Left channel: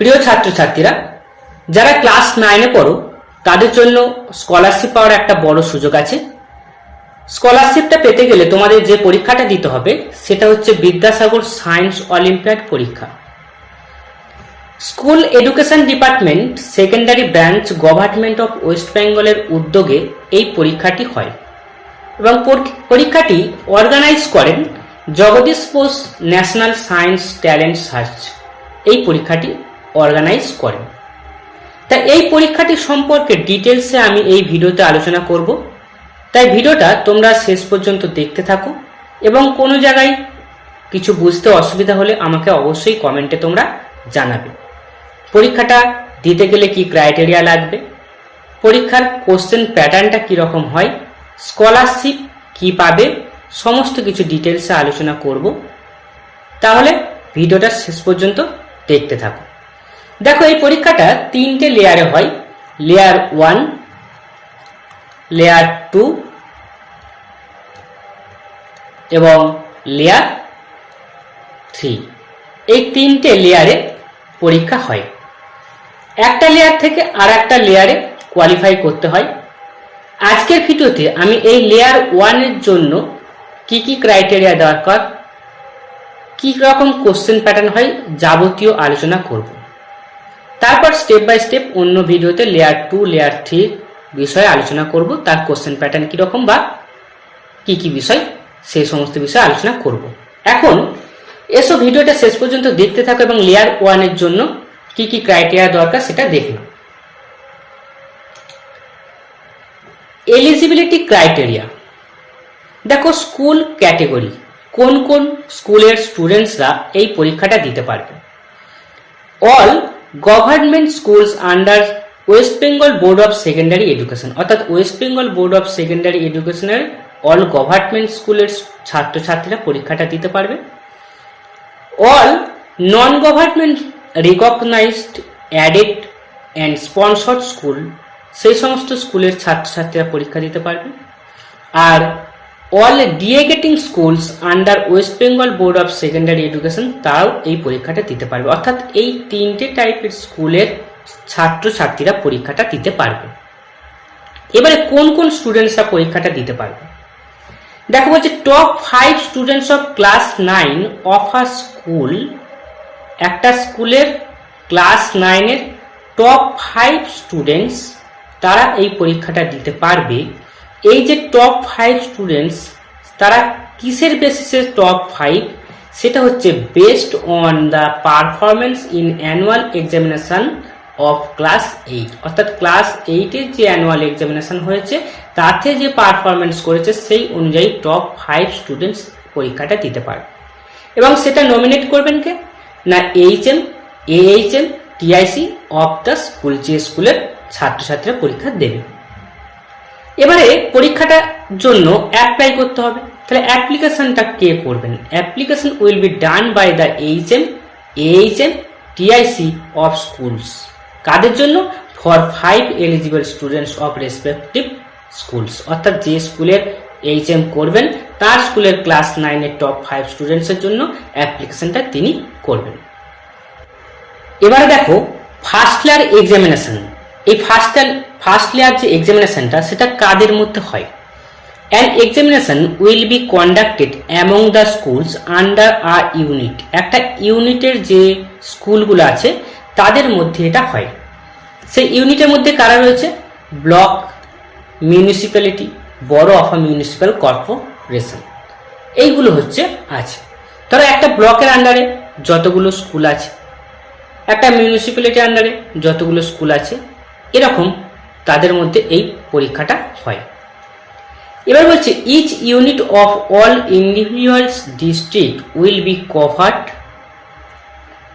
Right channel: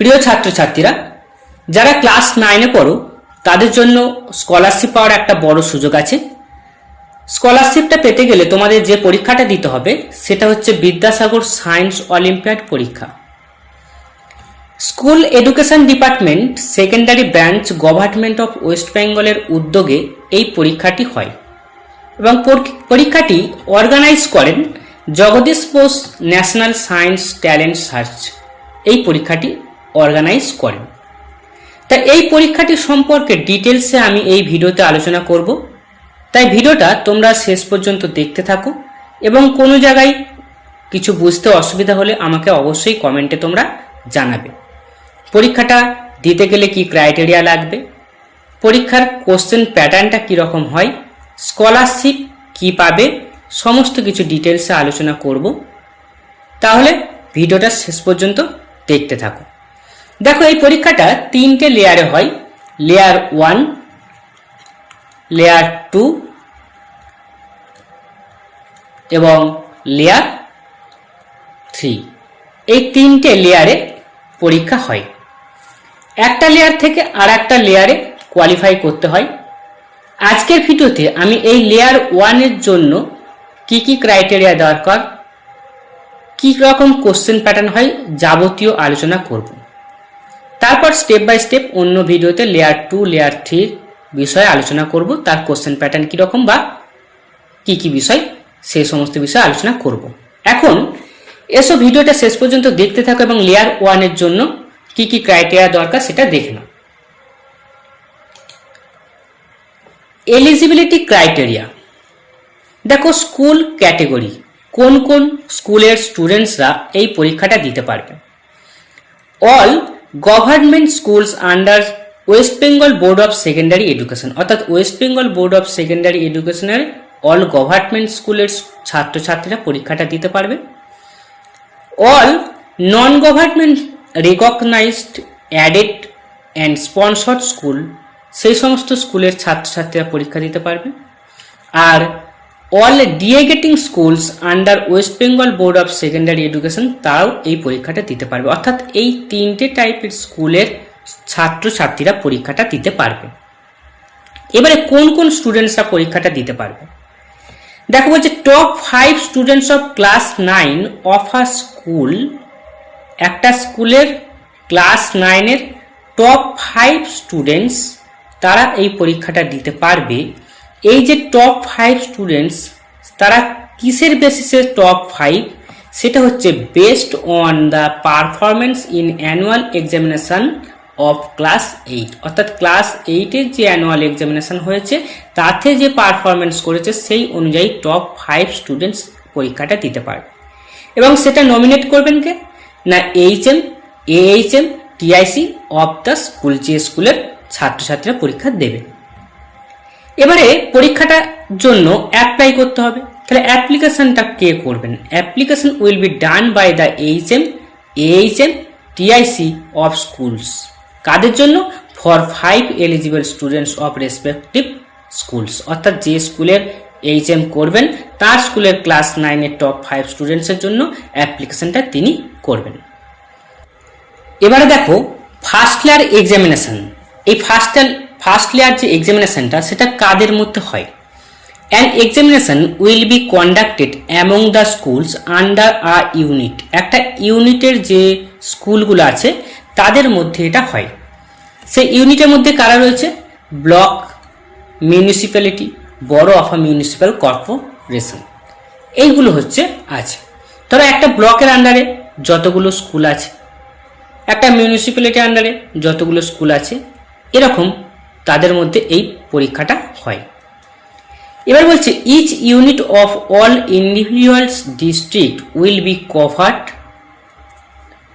প্রিয় ছাত্রছাত্রীরা, যারা ক্লাস 9-এ পড়ো তাদের জন্য স্কলারশিপ পাওয়ার একটা বড় সুযোগ আছে। স্কলারশিপটা পেতে গেলে তোমাদের যে পরীক্ষাটা দিতে হবে সেটা হচ্ছে বিদ্যাসাগর সায়েন্স অলিম্পিয়াড পরীক্ষা। School education department secondary branch government of west বেঙ্গলের উদ্যোগে এই পরীক্ষাটি হয় এবং পরীক্ষাটি অর্গানাইজ করেন Jagadish Bose national science talent search. এই পরীক্ষাটি অর্গানাইজ করেন। তা এই পরীক্ষাটি সম্পর্কে ডিটেলসে আমি এই ভিডিওতে আলোচনা করব, তাই ভিডিওটা তোমরা শেষ পর্যন্ত দেখতে থাকো এবং কোনো জায়গায় কিছু বুঝতে অসুবিধা হলে আমাকে অবশ্যই কমেন্টে তোমরা জানাবে। পরীক্ষাটা দিতে গেলে কি ক্রাইটেরিয়া লাগবে, পরীক্ষার কোশ্চেন প্যাটার্নটা কীরকম হয়, স্কলারশিপ কি পাবে, সমস্ত কিছু ডিটেলসে আলোচনা করব। তাহলে ভিডিওটা শেষ পর্যন্ত দেখতে থাকো। দেখো, এই পরীক্ষাটা 3টে লেয়ারে হয়। লেয়ার 1, লেয়ার 2 এবং লেয়ার 3। এই 3টে লেয়ারে পরীক্ষা হয়। একটা লেয়ার থেকে আর একটা লেয়ারে কোয়ালিফাই করতে হয়। আজকের ভিডিওতে আমি এই লেয়ার 1-এর জন্য কি কি ক্রাইটেরিয়া দরকার, কি রকম কোশ্চেন প্যাটার্ন হয়, যাবতীয় আলোচনা করব। তারপর স্টেপ বাই স্টেপ অন্য ভিডিওতে লেয়ার 2, লেয়ার 3 বিষয়ে আলোচনা করব, তার কোশ্চেন প্যাটার্ন কীরকম বা কি কি বিষয়, সেই সমস্ত বিষয়ে আলোচনা করব। এখন এসব ভিডিওটা শেষ পর্যন্ত দেখতে থাকো এবং লেয়ার 1-এর জন্য কি কি ক্রাইটেরিয়া দরকার সেটা দেখে নাও। Eligibility criteria. দেখো, স্কুল ক্যাটেগরি, কোন কোন স্কুলের স্টুডেন্টসরা এই পরীক্ষাটা দিতে পারবে। All government schools under West Bengal board of secondary education, অর্থাৎ West Bengal board of secondary এডুকেশনের অল গভর্নমেন্ট স্কুলের ছাত্রছাত্রীরা পরীক্ষাটা দিতে পারবে। All non government recognised aided and sponsored school, সেই সমস্ত স্কুলের ছাত্রছাত্রীরা পরীক্ষা দিতে পারবে। আর অল ডিএগেটিং schools under West Bengal board of secondary education, তারাও এই পরীক্ষাটা দিতে পারবে। অর্থাৎ এই 3টে টাইপের স্কুলের ছাত্রছাত্রীরা পরীক্ষাটা দিতে পারবে। এবারে কোন কোন স্টুডেন্টসরা পরীক্ষাটা দিতে পারবে দেখো, বলছে top 5 students of class 9 of a school. একটা স্কুলের ক্লাস 9-এর টপ 5 স্টুডেন্টস তারা এই পরীক্ষাটা দিতে পারবে। এই যে টপ 5 স্টুডেন্টস, তারা কিসের বেসিসে টপ 5, সেটা হচ্ছে based on the performance in annual examination of class 8, অর্থাৎ ক্লাস 8-এর যে অ্যানুয়াল এক্সামিনেশন হয়েছে তাতে যে পারফরমেন্স করেছে সেই অনুযায়ী টপ 5 স্টুডেন্টস পরীক্ষাটা দিতে পারবে। এবং সেটা নমিনেট করবেন কে না, HM, AHM, TIC of the school, যে স্কুলের ছাত্রছাত্রীরা পরীক্ষা দেবে। এবারে পরীক্ষাটার জন্য অ্যাপ্লাই করতে হবে। তাহলে অ্যাপ্লিকেশনটা কে করবেন? Application will be done by the HM, AHM, TIC of schools. কাদের জন্য? For 5 eligible students of respective schools, অর্থাৎ যে স্কুলের এইচএম করবেন তার স্কুলের ক্লাস 9-এর টপ 5 স্টুডেন্টসের জন্য অ্যাপ্লিকেশনটা তিনি করবেন। এবারে দেখো, ফার্স্ট লেয়ার এক্সামিনেশন। এই ফার্স্ট লেয়ার যে এক্সামিনেশনটা সেটা কাদের মধ্যে হয়? An examination will be conducted among the schools under a unit. একটা ইউনিটের যে স্কুলগুলো আছে তাদের মধ্যে এটা হয়। সেই ইউনিটের মধ্যে কারা রয়েছে? ব্লক, মিউনিসিপ্যালিটি, বড়ো অফ আ মিউনিসিপ্যাল কর্পোরেশন, এইগুলো হচ্ছে আছে। ধরো একটা ব্লকের আন্ডারে যতগুলো স্কুল আছে, একটা মিউনিসিপ্যালিটির আন্ডারে যতগুলো স্কুল আছে, এরকম তাদের মধ্যে এই পরীক্ষাটা হয়। এবার বলছে each unit of all individuals district will be covered,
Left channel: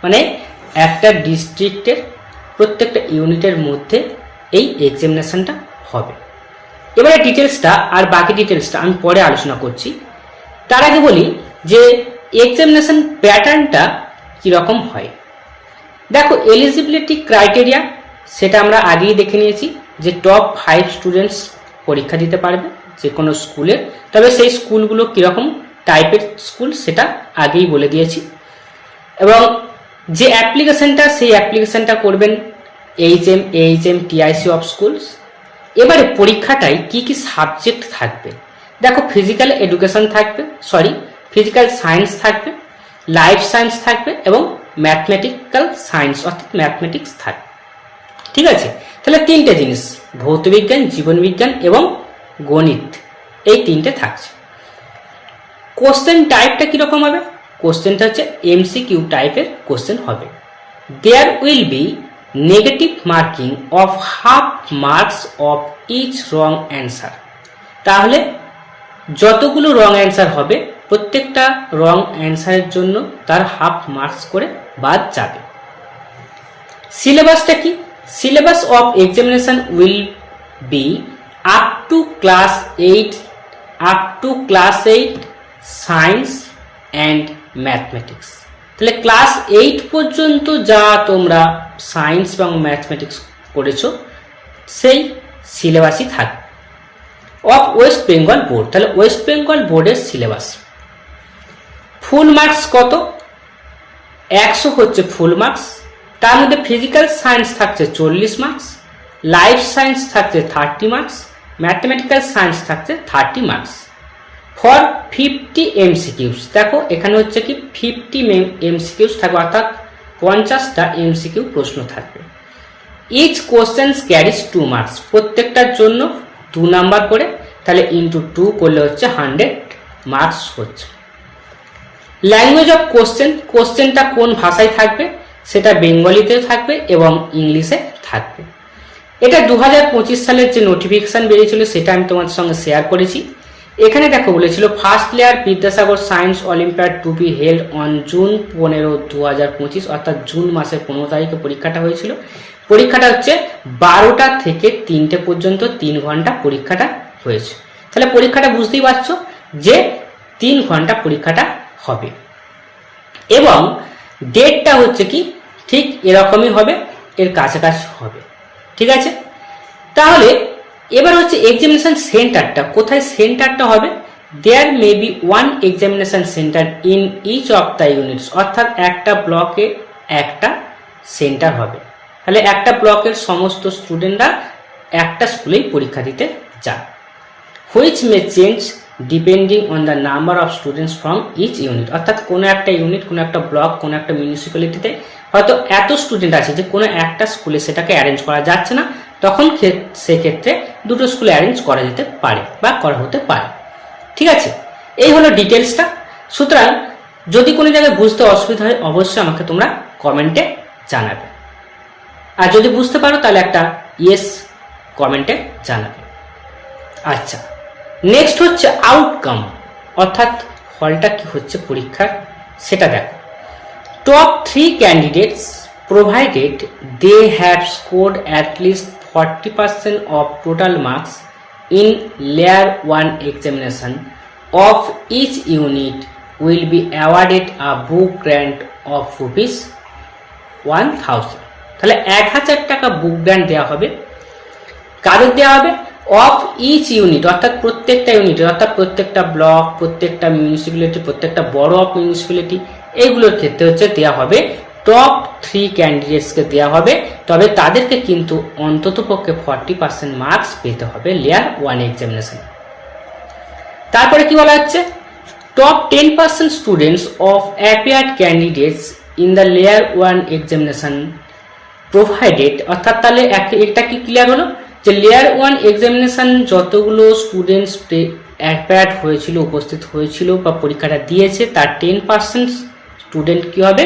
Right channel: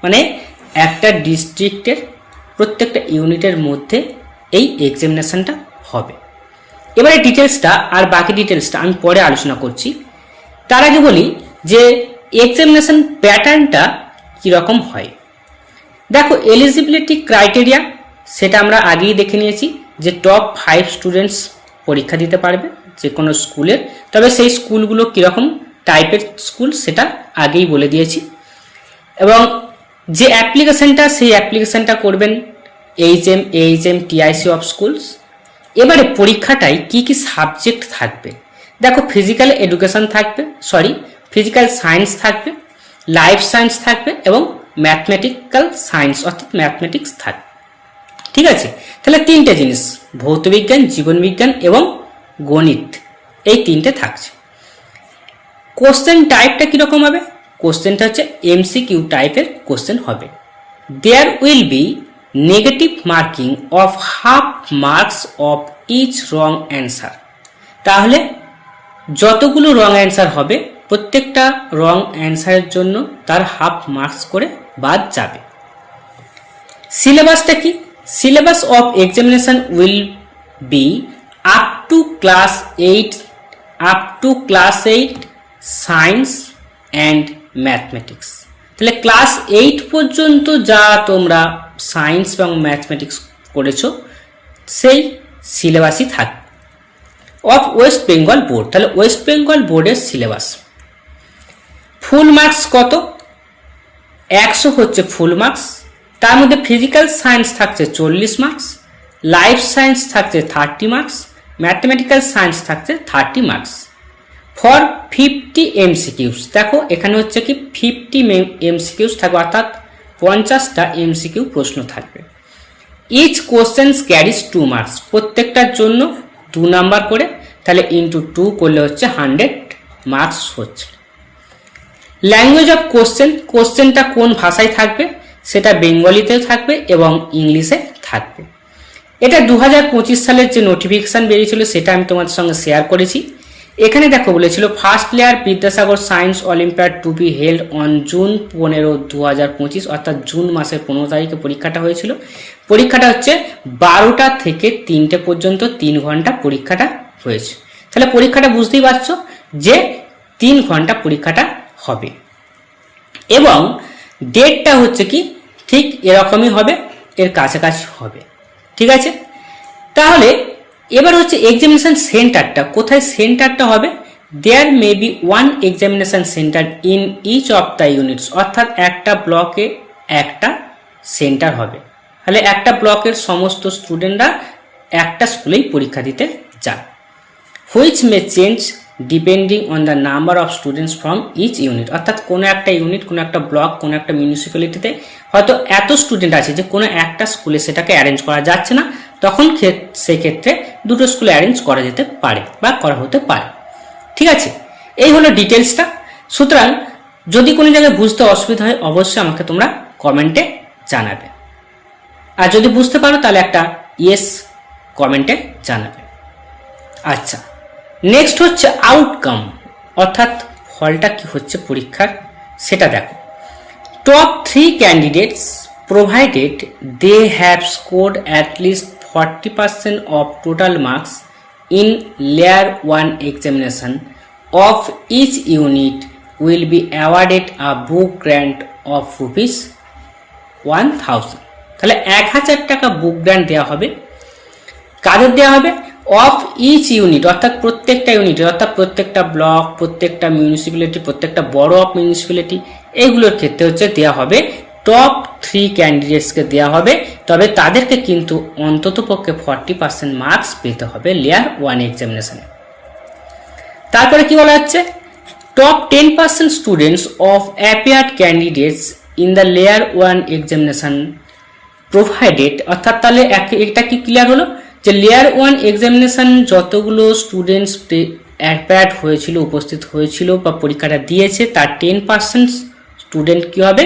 মানে একটা ডিস্ট্রিক্টের প্রত্যেকটা ইউনিটের মধ্যে এই এক্সামিনেশনটা হবে। এবারে ডিটেলসটা আর বাকি ডিটেলসটা আমি পরে আলোচনা করছি। তার আগে বলি যে এক্সামিনেশন প্যাটার্নটা কীরকম হয়। দেখো, এলিজিবিলিটি ক্রাইটেরিয়া সেটা আমরা আগেই দেখে নিয়েছি যে টপ 5 স্টুডেন্টস পরীক্ষা দিতে পারবে যে কোনো স্কুলের। তবে সেই স্কুলগুলো কীরকম টাইপের স্কুল সেটা আগেই বলে দিয়েছি। এবং যে অ্যাপ্লিকেশনটা সেই অ্যাপ্লিকেশনটা করবেন এইচএম টিআইসি অফ স্কুলস। এবারে পরীক্ষাটায় কি কি সাবজেক্ট থাকবে দেখো, ফিজিক্যাল এডুকেশন থাকবে, ফিজিক্যাল সায়েন্স থাকবে, লাইফ সায়েন্স থাকবে এবং ম্যাথমেটিক্যাল সায়েন্স অর্থাৎ ম্যাথমেটিক্স থাকবে। ঠিক আছে, তাহলে তিনটে জিনিস, ভৌতবিজ্ঞান, জীবনবিজ্ঞান এবং গণিত, এই তিনটে থাকছে। কোশ্চেন টাইপটা কিরকম হবে? কোশ্চেনটা হচ্ছে এমসিকিউ টাইপের কোশ্চেন হবে। There will be negative marking of half marks of each wrong answer. তাহলে যতগুলো রং অ্যান্সার হবে প্রত্যেকটা রং অ্যান্সারের জন্য তার হাফ মার্কস করে বাদ যাবে। সিলেবাসটা কি? Syllabus of examination will be up to class 8 science and mathematics. তাহলে ক্লাস 8 পর্যন্ত যা তোমরা সায়েন্স এবং ম্যাথমেটিক্স করেছো সেই সিলেবাসই থাকবে। অফ ওয়েস্ট বেঙ্গল বোর্ড, তাহলে ওয়েস্ট বেঙ্গল বোর্ডের সিলেবাস। ফুল মার্কস কত? 100 হচ্ছে ফুল মার্কস। তার মধ্যে ফিজিক্যাল সায়েন্স থাকছে 40 মার্কস, লাইফ সায়েন্স থাকছে 30 মার্কস, ম্যাথমেটিক্যাল সায়েন্স থাকছে 30 মার্কস। ফর 50 এমসিকিউস, দেখো এখানে হচ্ছে কি 50 এমসিকিউস থাকবে, অর্থাৎ 50টা এমসিকিউ প্রশ্ন থাকবে। ইচ কোশ্চেন ক্যারিজ 2 মার্কস, প্রত্যেকটার জন্য 2 নাম্বার করে, তাহলে ইন্টু 2 করলে হচ্ছে 100 মার্কস হচ্ছে। ল্যাঙ্গুয়েজ অফ কোশ্চেন, কোশ্চেনটা কোন ভাষায় থাকবে সেটা বেঙ্গলিতেও থাকবে এবং ইংলিশে থাকবে। এটা 2025 সালের যে নোটিফিকেশন বেরিয়েছিল সেটা আমি তোমাদের সঙ্গে শেয়ার করেছি। এখানে দেখো বলেছিল first layer Vidyasagar science olympiad to be held on June 15, 2025, অর্থাৎ জুন মাসের 15 তারিখে পরীক্ষাটা হয়েছিল। পরীক্ষাটা হচ্ছে 12টা থেকে 3টে পর্যন্ত 3 ঘন্টা পরীক্ষাটা হয়েছে। তাহলে পরীক্ষাটা বুঝতেই পারছো যে 3 ঘন্টা পরীক্ষাটা হবে এবং ডেটটা হচ্ছে কি ঠিক এরকমই হবে, এর কাছাকাছি হবে। ঠিক আছে, তাহলে এবার হচ্ছে এক্সামিনেশন সেন্টারটা কোথায় সেন্টারটা হবে? There may be 1 examination centre in each of the units, অর্থাৎ একটা ব্লকে একটা সেন্টার হবে। তাহলে একটা ব্লকের সমস্ত স্টুডেন্টরা একটা স্কুলেই পরীক্ষা দিতে যান। Which may change depending on the number of students from each unit, অর্থাৎ কোনো একটা ইউনিট, কোনো একটা ব্লক, কোনো একটা মিউনিসিপ্যালিটিতে হয়তো এত স্টুডেন্ট আছে যে কোনো একটা স্কুলে সেটাকে অ্যারেঞ্জ করা যাচ্ছে না, তখন সেক্ষেত্রে দুটো স্কুলে অ্যারেঞ্জ করা যেতে পারে বা করা হতে পারে। ঠিক আছে, এই হলো ডিটেলসটা। সুতরাং যদি কোনো জায়গায় বুঝতে অসুবিধা হয় অবশ্যই আমাকে তোমরা কমেন্টে জানাবে, আর যদি বুঝতে পারো তাহলে একটা ইয়েস কমেন্টে জানাবে। আচ্ছা, নেক্সট হচ্ছে আউটকাম, অর্থাৎ ফলটা কি হচ্ছে পরীক্ষার সেটা দেখো। Top 3 candidates provided they have scored at least 40% of total marks in layer 1 examination of each unit will be awarded a book grant of rupees 1000। তাহলে 1000 টাকা বুক গ্র্যান্ট দেওয়া হবে। কাদের দেওয়া হবে? অফ ইচ ইউনিট, অর্থাৎ প্রত্যেকটা ইউনিট, অর্থাৎ প্রত্যেকটা ব্লক, প্রত্যেকটা মিউনিসিপ্যালিটি, প্রত্যেকটা বড় অফ মিউনিসিপ্যালিটি, এইগুলোর ক্ষেত্রে হচ্ছে দেওয়া হবে টপ 3 ক্যান্ডিডেটসকে দেওয়া হবে। তবে তাদেরকে কিন্তু অন্তত পক্ষে 40% মার্কস পেতে হবে লেয়ার 1 এক্সামিনেশনে। তারপরে কি বলা হচ্ছে? Top 10% students of appeared candidates in the layer 1 examination provided, অর্থাৎ তাহলে এটা কি ক্লিয়ার হলো যে লেয়ার 1 এক্সামিনেশন যতগুলো স্টুডেন্টস অ্যাপিয়ার্ড হয়েছিল, উপস্থিত হয়েছিল বা পরীক্ষাটা দিয়েছে তার 10% স্টুডেন্ট কি হবে?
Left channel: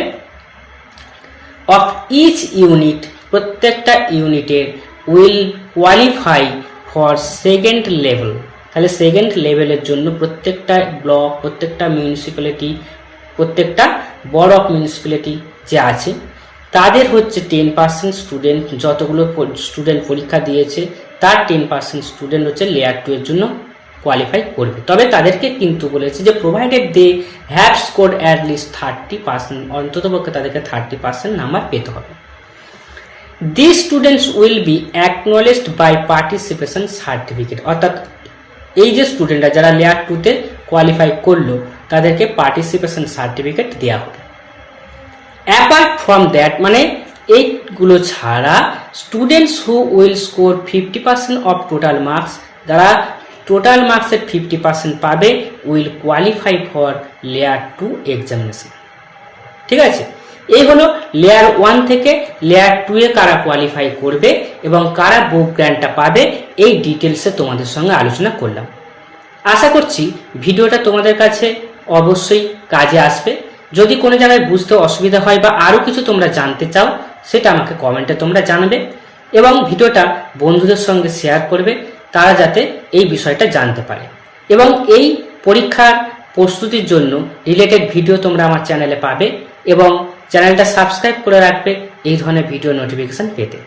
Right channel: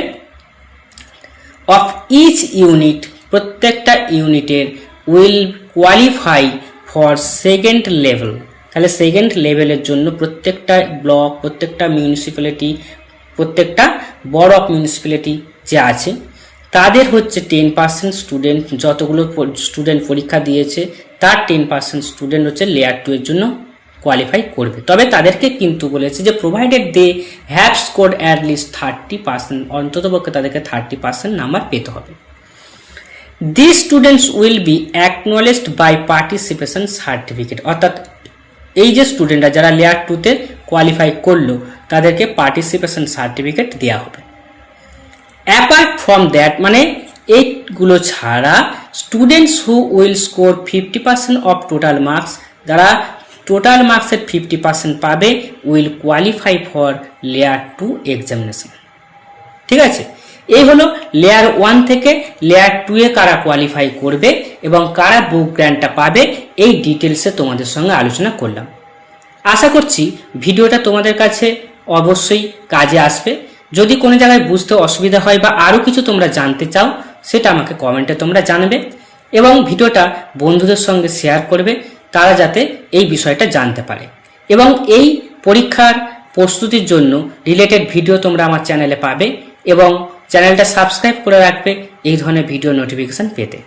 অফ ইচ ইউনিট, প্রত্যেকটা ইউনিটের will qualify for second level. তাহলে সেকেন্ড লেভেলের জন্য প্রত্যেকটা ব্লক, প্রত্যেকটা মিউনিসিপ্যালিটি, প্রত্যেকটা বড় অফ মিউনিসিপ্যালিটি যে আছে তাদের হচ্ছে 10% স্টুডেন্ট, যতগুলো স্টুডেন্ট পরীক্ষা দিয়েছে তার 10% স্টুডেন্ট হচ্ছে লেয়ার 2 এর জন্য কোয়ালিফাই করবে। তবে তাদেরকে কিন্তু বলেছে যে provided they have scored at least 30%, অন্তত পক্ষে তাদেরকে 30% নাম্বার পেতে হবে। This students will be acknowledged by participation certificate, অর্থাৎ এই যে স্টুডেন্টরা যারা লেয়ার 2তে কোয়ালিফাই করলো তাদেরকে পার্টিসিপেশন সার্টিফিকেট দেওয়া হবে। অ্যাপার্ট ফ্রম দ্যাট মানে এইগুলো ছাড়া students who will score 50% of total marks, যারা টোটাল মার্কসের 50% পাবে, will qualify for layer 2 examination. ঠিক আছে, এই হলো লেয়ার 1 থেকে লেয়ার 2 এ কারা কোয়ালিফাই করবে এবং কারা বুক গ্র্যান্টটা পাবে, এই ডিটেলসে তোমাদের সঙ্গে আলোচনা করলাম। আশা করছি ভিডিওটা তোমাদের কাছে অবশ্যই কাজে আসবে। যদি কোনো জায়গায় বুঝতে অসুবিধা হয় বা আরও কিছু তোমরা জানতে চাও, সেটা আমাকে কমেন্টে তোমরা জানাবে এবং ভিডিওটা বন্ধুদের সঙ্গে শেয়ার করবে, তারা যাতে এই বিষয়টা জানতে পারে। এবং এই পরীক্ষার প্রস্তুতির জন্য রিলেটেড ভিডিও তোমরা আমার চ্যানেলে পাবে এবং চ্যানেলটা সাবস্ক্রাইব করে রাখবে এই ধরনের ভিডিও নোটিফিকেশন পেতে।